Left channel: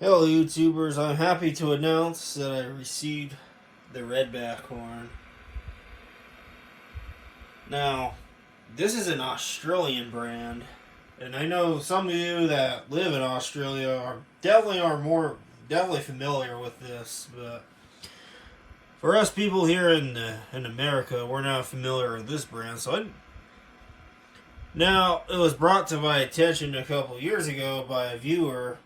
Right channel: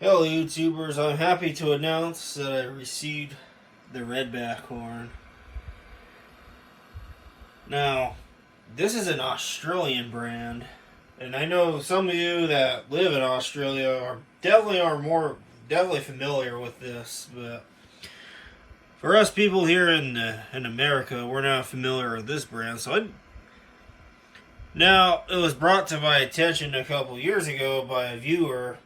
Hello YouTubers, I'm happy to announce that I received the Redback horn. Now, this is an Australian brand, and I know some of you that live in Australia are definitely familiar with this, but for us people here in America, we're not familiar with this brand. Now, it was brought to my attention a couple years ago by a viewer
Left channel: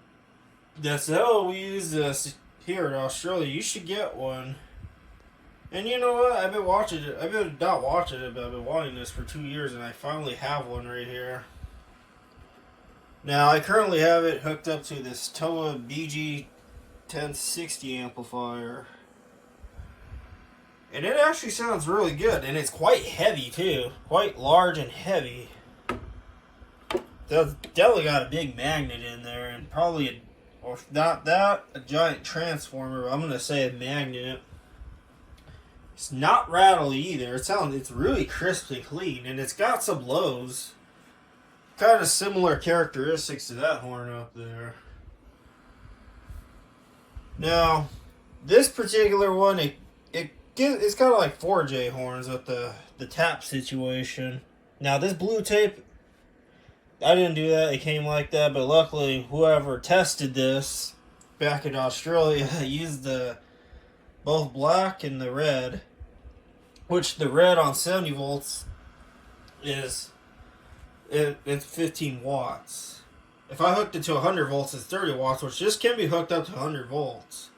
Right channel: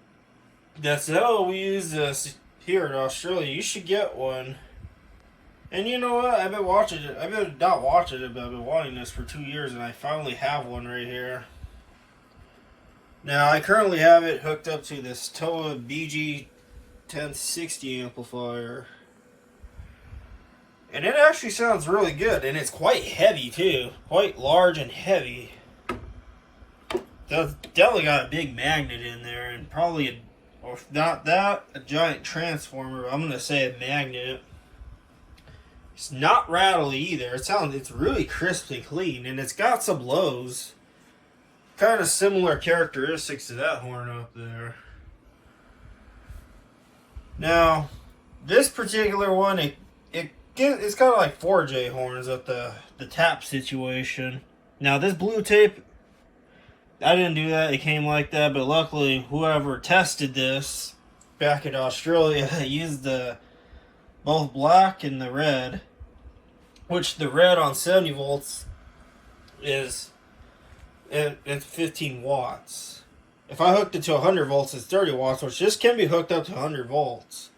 that said, "Oh, we use this here in Australia. You should get one." And you know what? I've been watching it. I've been not watching it, but I've been wanting this for 2 years, and I finally have one right here. Now, I currently have it hooked up to this TOA BG 1060 amplifier. And it actually sounds really good, and it's quite heavy too. Quite large and heavy. It's definitely got a big magnet in there, and probably or if not that, a giant transformer. I'm gonna say a magnet. It's not rattly either. It's really crisp and clean, and it's got some lows. Kind of similar characteristics to that horn up there. Now, this particular one, it's kind of like 4J horns at the tap situation. Now, this blue tape, I didn't do that. It came like that, but luckily, whoever tested this back in Australia used the both black and the red, which the red on 70 volts is it's 15 watts. If I hooked it to 100 volts, it's 30 watts, which just can be hooked up to 100 volts.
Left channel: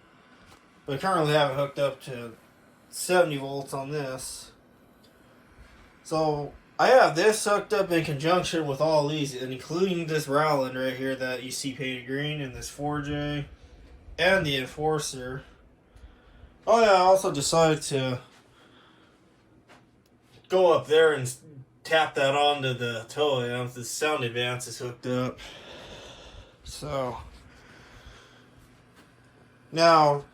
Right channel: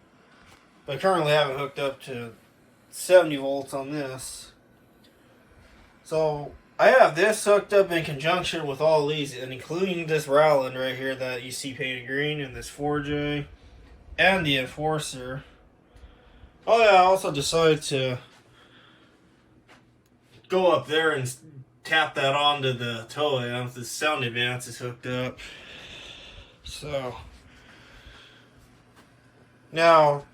But I currently have it hooked up to 70 volts on this. So I have this hooked up in conjunction with all these, and including this Rowland right here that you see painted green, and this 4J, and the Enforcer. Oh yeah, I also decided to go up there and tap that onto the TOA amp. The Sound Advance is hooked up. So, now,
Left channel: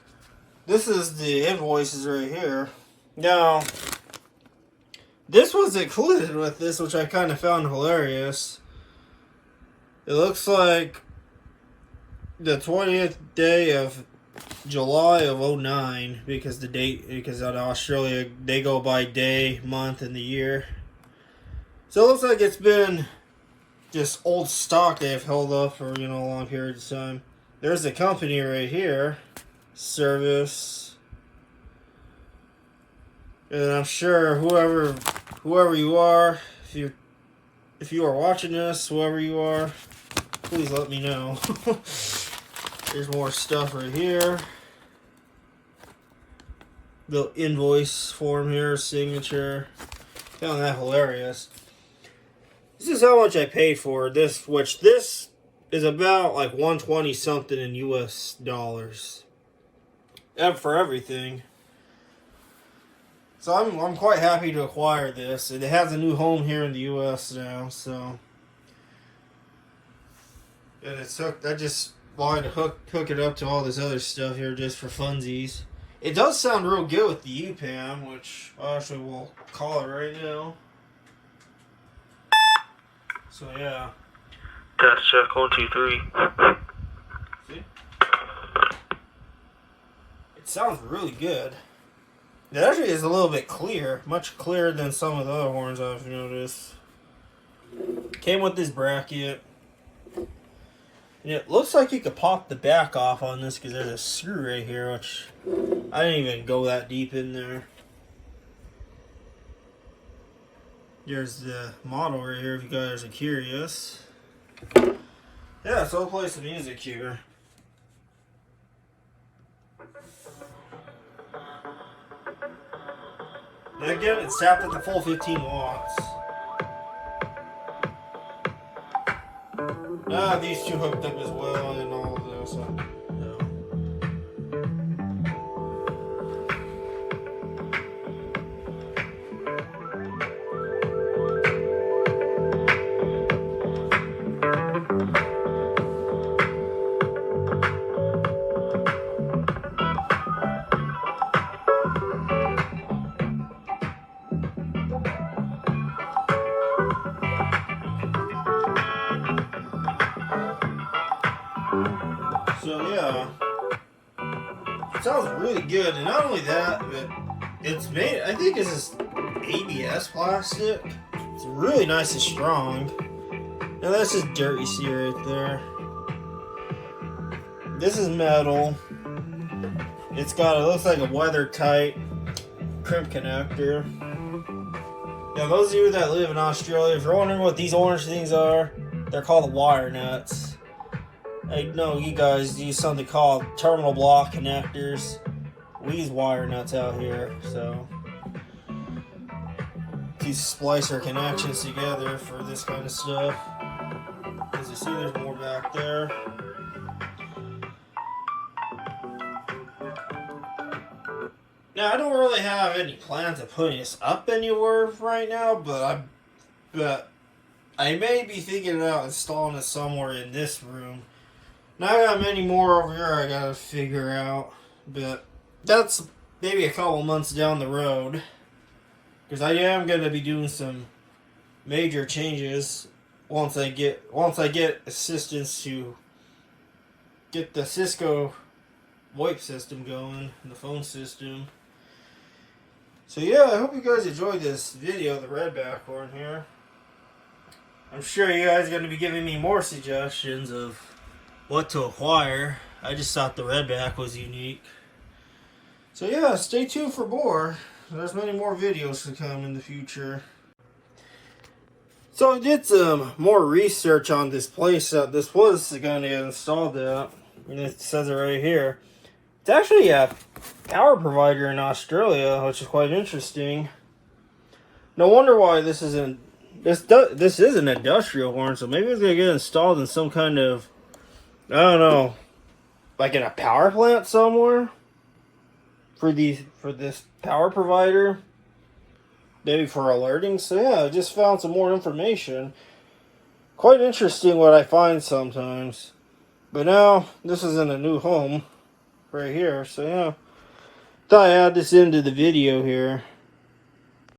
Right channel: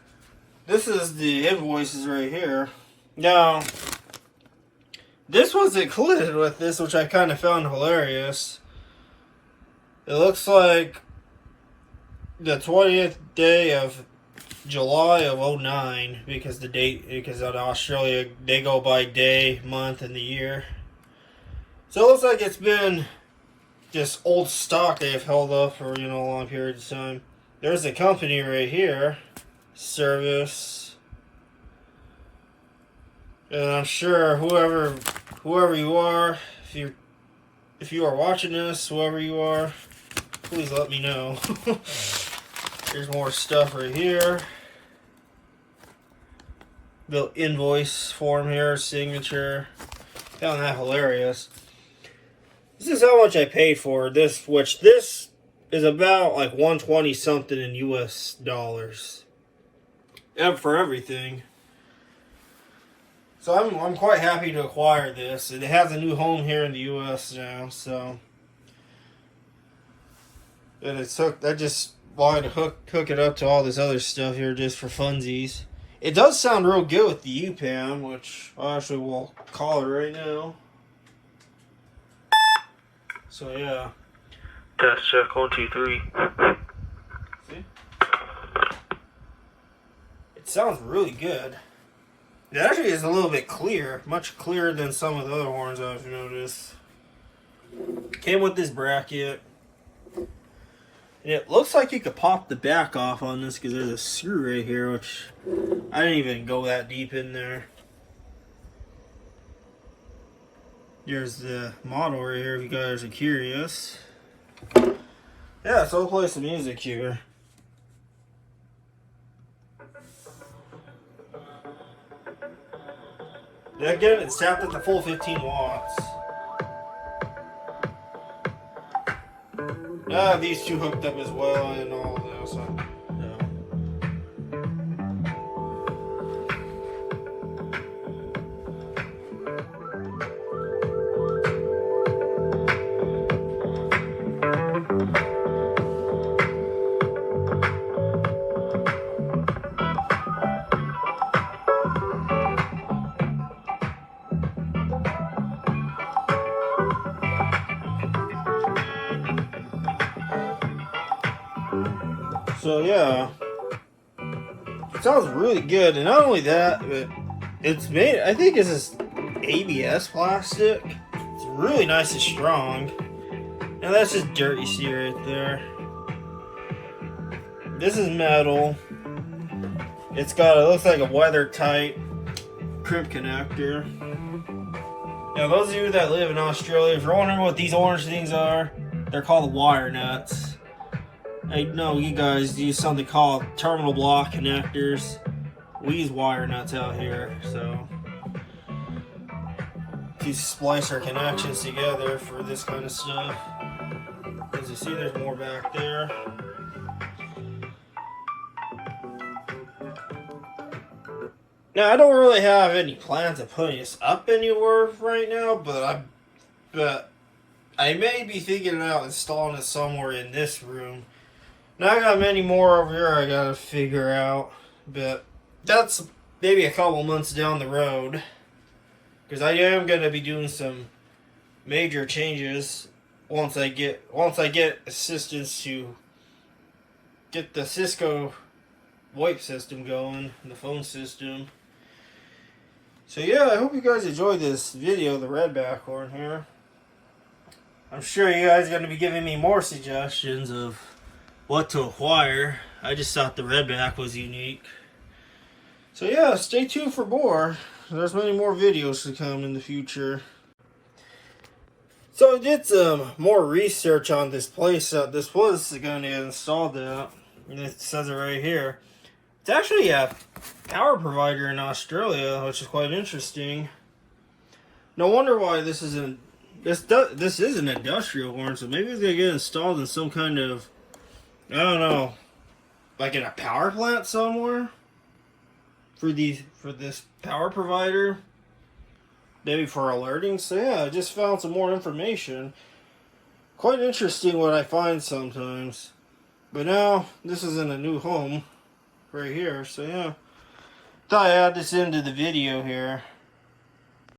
this is the invoices right here. Now, this was included with this, which I kind of found hilarious. It looks like the 20th day of July of 09, because out of Australia, they go by day, month, and the year. So it looks like it's been just old stock they have held up for, a long period of time. There's the company right here, service. And I'm sure whoever you are, if you are watching this, whoever you are, please let me know. There's more stuff right here. The invoice form here, signature. Found that hilarious. This is how much I paid for this, which this is about like 120 something in US dollars. And for everything. So I'm quite happy to acquire this. It has a new home here in the US now, so. And it's hooked. I just wanted to hook it up to all this other stuff here just for funsies. It does sound real good with the U-Pan, which I actually will call it right now. So yeah. Test check 1 2 3. See? It sounds really good. It actually is a little bit clear, much clearer than some of the other horns I've noticed. Came with this bracket. It looks like you could pop the back off on this because there's a screw right here, which I didn't even go that deep in there. There's the model right here if you guys are curious. Yeah, so I'll play some music here. And again, it's tapped at the full 15 watts. I have these two hooked up as well and all of this. So yeah, It sounds really good, and not only that, but it's made, I think it's this ABS plastic. It's really nice and strong. And that's just dirt you see right there. This is metal. It's got, it looks like a weather tight crimp connector. Now those of you that live in Australia, if you're wondering what these orange things are, they're called wire nuts. I know you guys use something called terminal block connectors. We use wire nuts out here, so these splicer connections together for this kind of stuff. As you see, there's more back there. Now I don't really have any plans of putting this up anywhere right now, but I may be thinking about installing it somewhere in this room. Now I got many more over here I gotta figure out, but that's maybe a couple months down the road, because I am gonna be doing some major changes once I get assistance to get the Cisco VoIP system going, the phone system. So yeah, I hope you guys enjoyed this video, the Redback horn here. I'm sure you guys are going to be giving me more suggestions of what to acquire. I just thought the Redback was unique. So yeah, stay tuned for more. There's many more videos to come in the future. So I did some more research on this place that this was going to get installed at. And it says it right here. It's actually a power provider in Australia, which is quite interesting. No wonder why this isn't... This is an industrial horn, so maybe it's going to get installed in some kind of... I don't know. Like in a power plant somewhere? For this power provider? Maybe for alerting. So yeah, I just found some more information. Quite interesting what I find sometimes. But now, this is in a new home. Right here. So yeah. Thought I'd add this into the video here.